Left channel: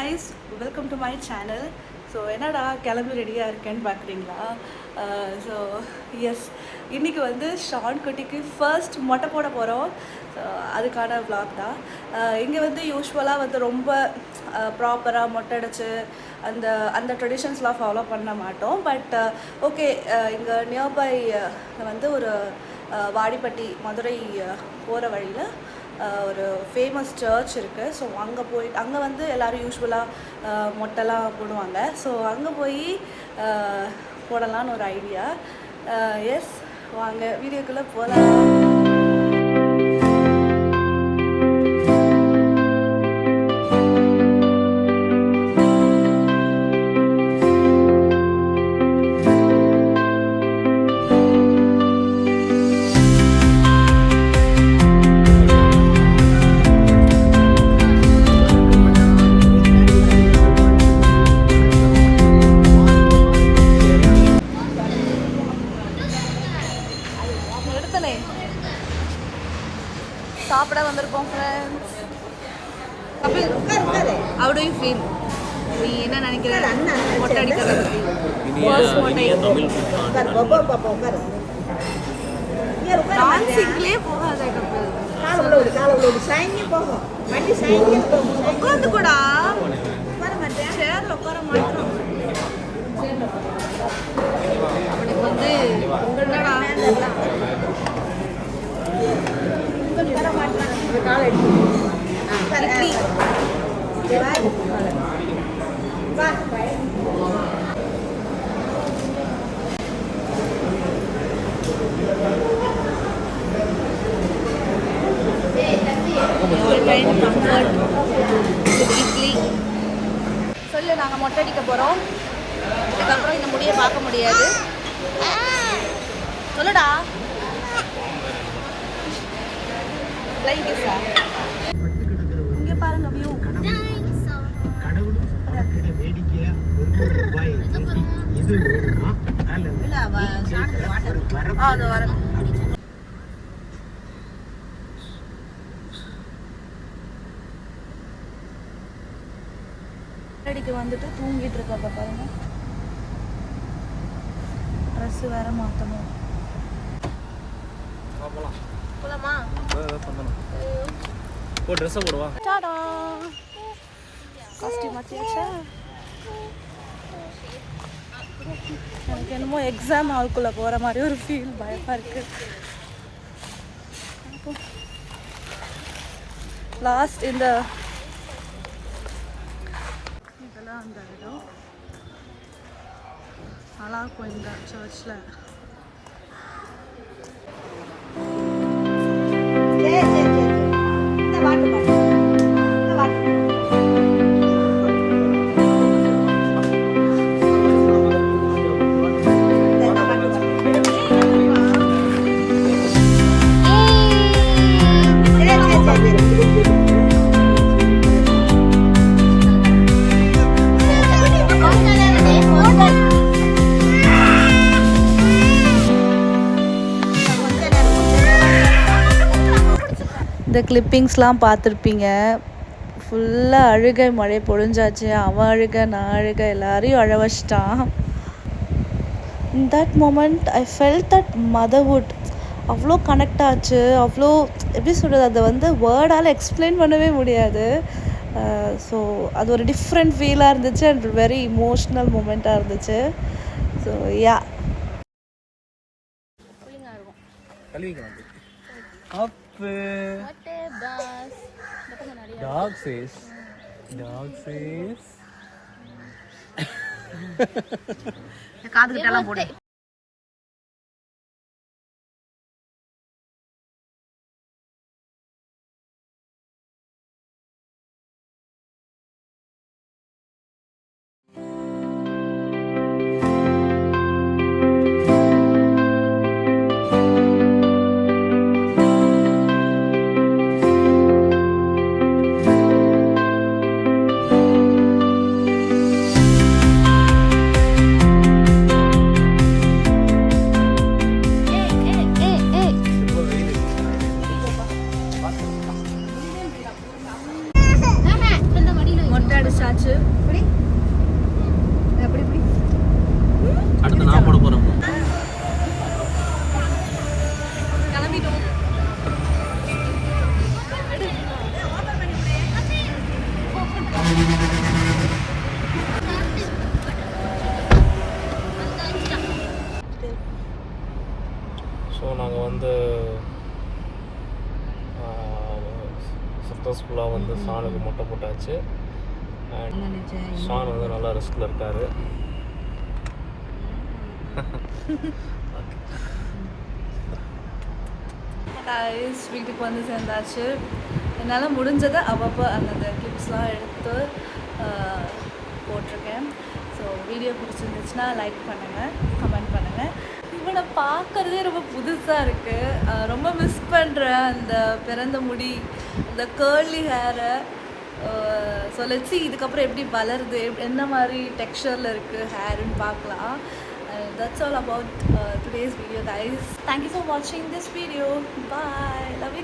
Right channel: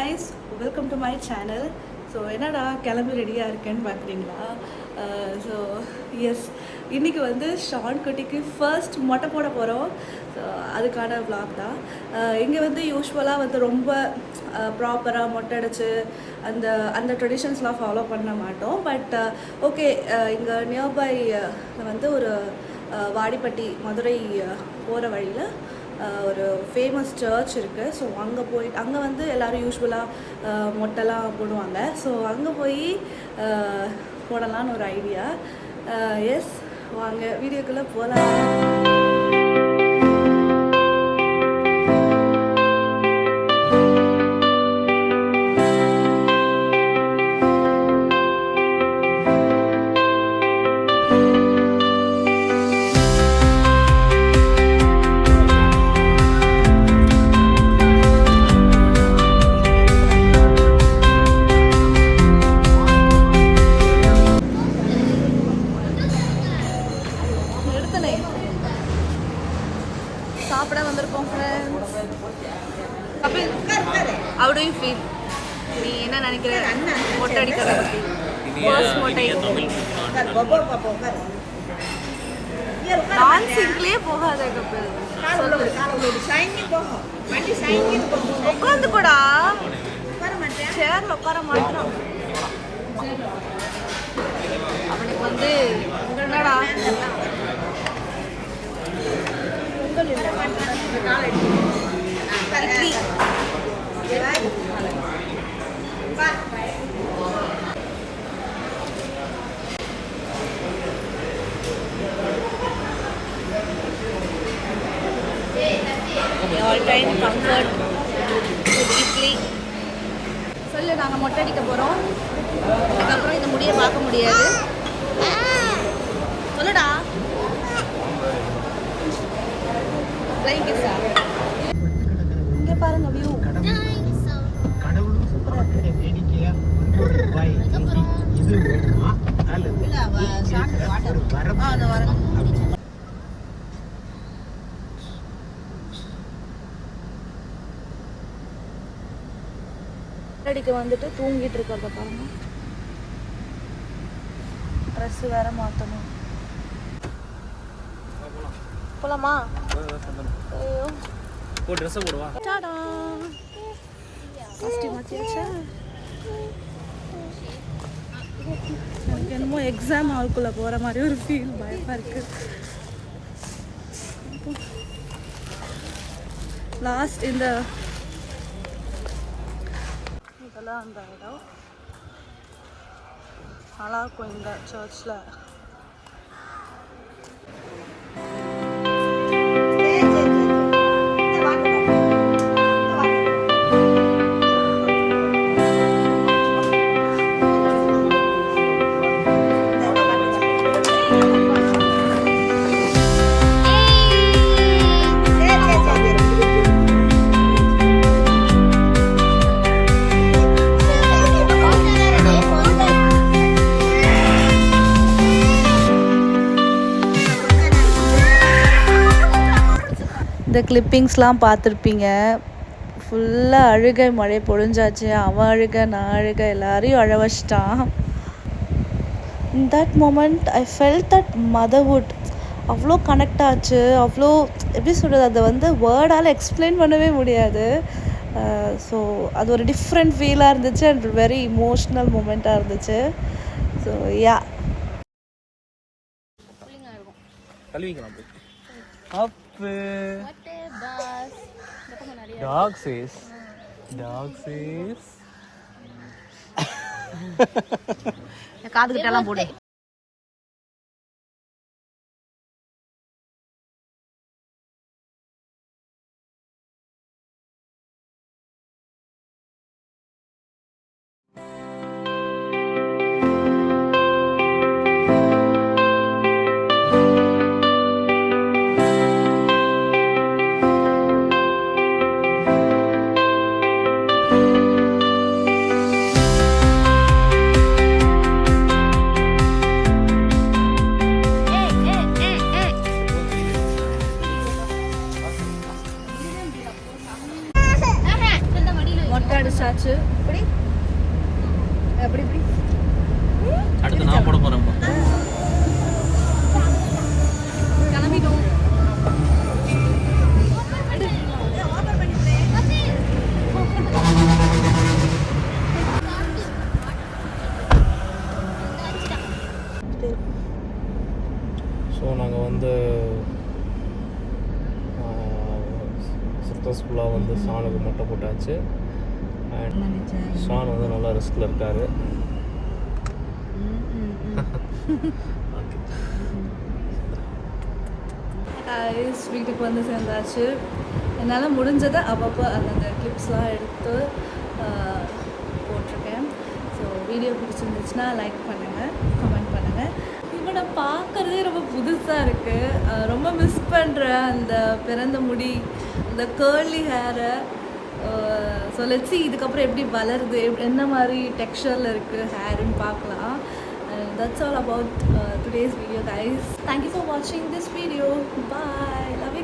guys, welcome to my channel. So என்னடா கிளம்பி ரெடியாக இருக்கேன்னு பார்க்குறீங்களா? ஸோ எஸ், இன்றைக்கி வந்து ஷான் குட்டிக்கு ஃபர்ஸ்ட் மொட்டை போட போகிறோம். ஸோ அதுக்கான vlog தான். இங்கே வந்து யூஸ்வலாக வந்து ரொம்ப ப்ராப்பராக மொட்டை அடிச்சு அந்த அந்த ட்ரெடிஷன்ஸ்லாம் ஃபாலோ பண்ண மாட்டோம். பட் ஓகே, இங்கே நியர்பை வந்து ஒரு வாடிப்பட்டி மதுரை போகிற வழியில் ஒரு ஃபேமஸ் சர்ச் இருக்குது. ஸோ அங்கே வந்து எல்லோரும் யூஸ்வலாக மொட்டைலாம் போடுவாங்க. ஸோ அங்கே போய் போடலான்னு ஒரு ஐடியா. எஸ், வாங்க வீடியோக்குள்ளே போகலாம். சாப்பிட வந்திருக்கோம் friends. Kapil, how do you feel? நீ என்ன நினைக்கிற மொட்டை அடிக்கிறத பற்றி? ஃபர்ஸ்ட் மொட்டை டான்ஸிங்லேயே போகாத கபில், உட்காந்து கூட சேர்ல உட்கார மாட்டோம். அவனுக்கு வந்து சொல்லு, நாங்கள் மொட்டை அடிக்க போகிறோம். இதுக்கப்புறம் இந்த முடியை பார்க்க முடியாது. சொல்லுடா. இங்கே பாருங்க வியூ. அடிக்க வந்துட்டு தூங்கிட்டு இருக்க பாருங்க. ட்ரெஸ் வேற மாத்தணும். போலாமா? ஐயோ, போ ட்ரெஸ் போடுவா. டாடா, காஸ்டியூம் மாத்தியாச்சா? எனக்கு என்னமோ எக்ஸாம் ஹால்குள்ளே போகிற மாதிரி ஒரு ஃபீல், பயமாக இருக்குது. லாஸ்ட் இந்த இதெல்லாம் அந்த இடம் நல்லா இருக்கும் இந்த சர்ச்சில். இந்த கிளிப்பிங்ஸ்லாம் பார்த்துருப்பீங்க. ஃபுல்லாக அழுகை, மழை பொழிஞ்சாச்சு. அவன் அழுக, நான் அழுக, எல்லாரையும் அழ வச்சிட்டான். In that moment I felt that motherhood. அவ்வளோ கனெக்ட் ஆச்சு. அவ்வளோ எப்படி சொல்கிறது, அதை வந்து வேர்டால் எக்ஸ்பிளைன் பண்ணவே முடியாது. ஸோ அது ஒரு டிஃப்ரெண்ட் ஃபீலாக இருந்துச்சு அண்ட் வெரி இமோஷ்னல் மூமெண்ட்டாக இருந்துச்சு. ஸோ யா, dog face காது கிட்டலாம் போடு. வந்தாச்சு. இப்படி எப்படி இப்படி அடுத்து நான் போட போகிறேன். கிளம்பிட்டோம். ஸோ நாங்கள் வந்து சக்ஸஸ்ஃபுல்லாக வந்து ஷானுக்கு மொட்டை போட்டாச்சு. அண்ட் ஷான் வந்து நல்லா ரிஸ்கில் இருக்கார். கைஸ் வீட்டுக்கு வந்து சேர்ந்தாச்சு. என்னால் முடிஞ்சதை அப்பப்போ அந்த கிளிப்ஸ்லாம் எடுத்து போட்டிருக்கேன். ஸோ வீடியோ பிடிச்சிருந்துச்சுன்னா லைக் பண்ணுங்கள், கமெண்ட் பண்ணுங்கள். இவனை பார்க்குறதே ரொம்ப புதுசாக இருக்குது. ரொம்ப மிஸ் பண்ணுறேன் அந்த பிறந்த முடி, அந்த கேர்லி ஹேரை. ஸோ லெட்ஸ் see இதுக்கப்புறம் எப்படி வளருது, என்ன மாதிரி டெக்ஸ்சரில் இருக்குது ஹேருன்னு பார்க்கலாம். And that's all about today's video, guys. Thank you for watching this video. Bye. Love you.